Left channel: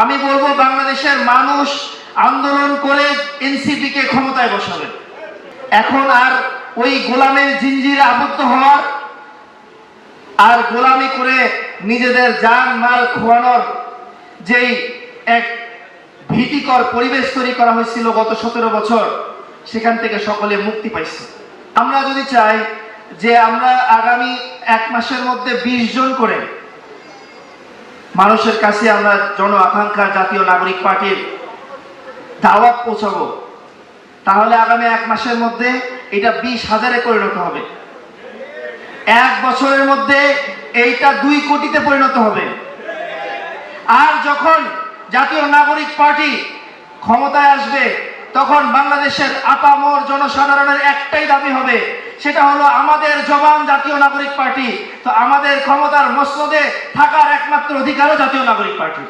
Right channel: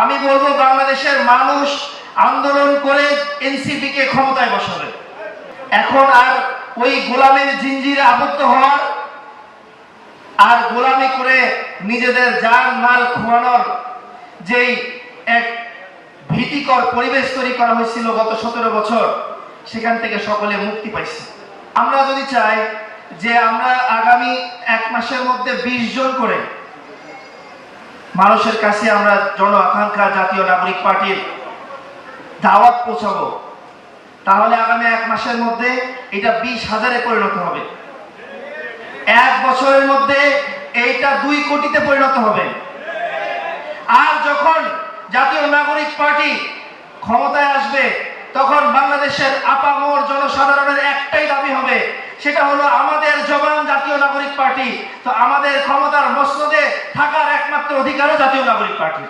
আমি বলবো বাংলাদেশের মানুষ আন্দোলন করে এনসিপি কে ক্ষমতায় বসাবে। এখন আর ওই গোলামের জিঞ্জিরে আবদ্ধ হওয়ার আর গোলামি করে নিজেদের জান মাল খোয়ানোর যেই এক ভীতিকর পরিবেশ তৈরি করা হয়েছিল গত 17 বছর, সেখান থেকে সকলে মুক্তি পাইছে। আমরা যদি চাই যে আমরা আগামী 1 মাসের মধ্যে 20 জন করে মানুষের কাছে আমরা জন আকাঙ্ক্ষা জাতীয় নাগরিক পার্টির দাওয়াত পৌঁছাবো, তাহলে আগামী 1 মাসের মধ্যে এটা 20,000-এ পরিণত হবে। 1 বছরের মধ্যে এইটা 2 কোটিতে পরিণত হবে। আর যখন জাতীয় নাগরিক পার্টি ক্ষমতায় আসবে, তখন বাংলাদেশের আপামর জনসাধারণের একটাই দাবি হবে, সেটা হলো আমাদের জবান জাতীয় নাগরিক পার্টি। তো আমাদের ক্ষমতার মসনদে থাকার একমাত্র অধিকারও জাতীয় নাগরিক পার্টি।